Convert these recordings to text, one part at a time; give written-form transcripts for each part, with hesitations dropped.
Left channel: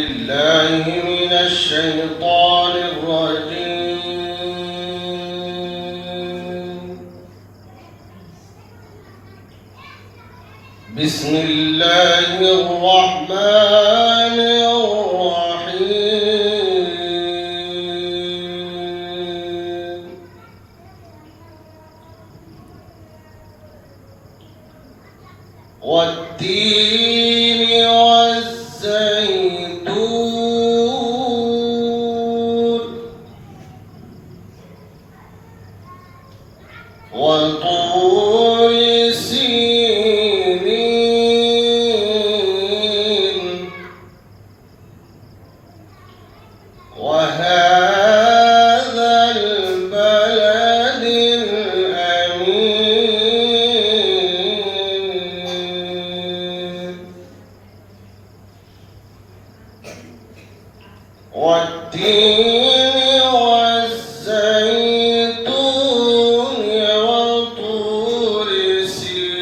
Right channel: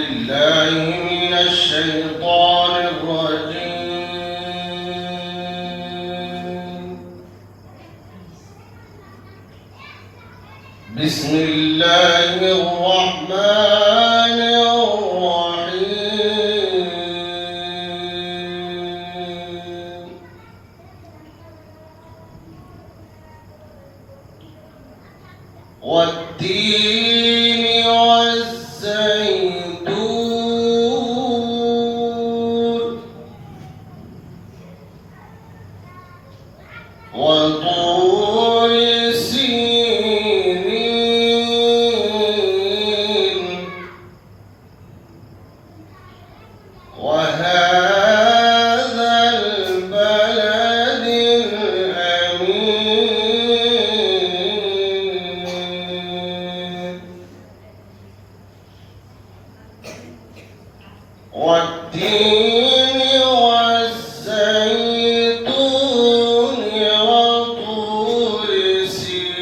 بالله من الشيطان الرجيم. بسم الله الرحمن الرحيم. والتين والزيتون وطور سينين وهذا البلد الأمين. والتين والزيتون وطور سينين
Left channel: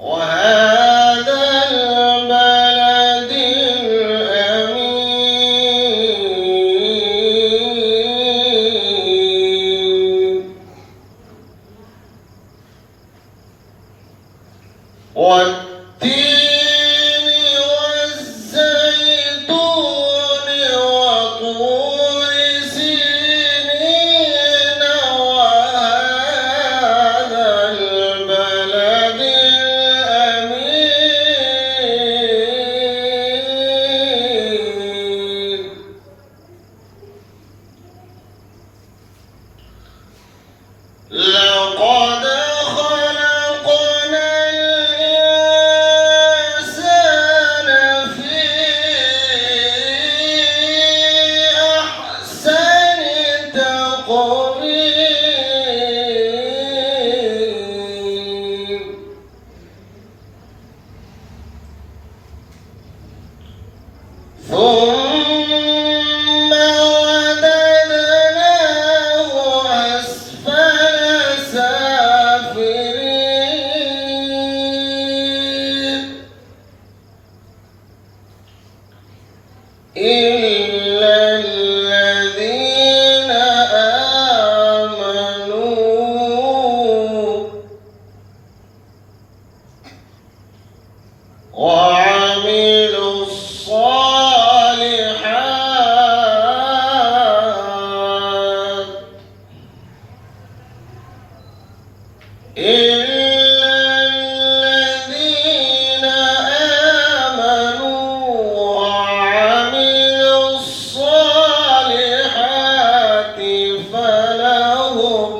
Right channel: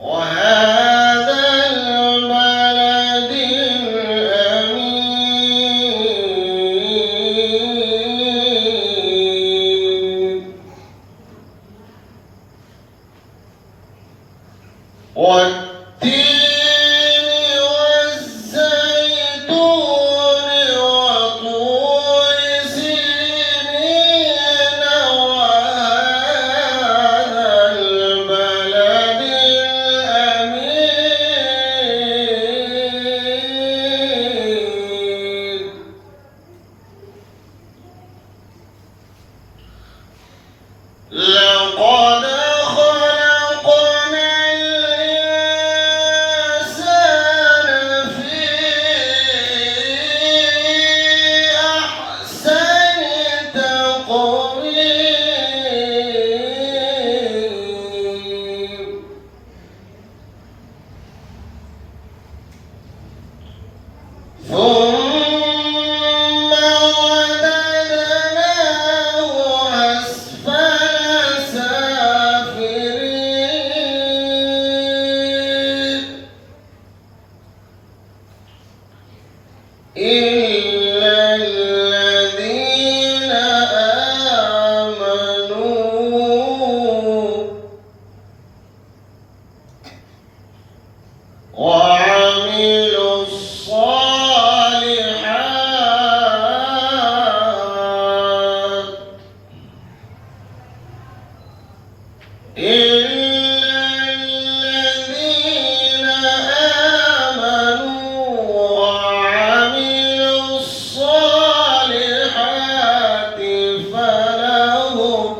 وهذا البلد الأمين. والتين والزيتون وطور سينين وهذا البلد الأمين. لقد خلقنا الإنسان في أحسن تقويم. ثم رددناه أسفل سافلين إلا الذين آمنوا وعملوا الصالحات إلا الذين آمنوا وعملوا الصالحات فلهم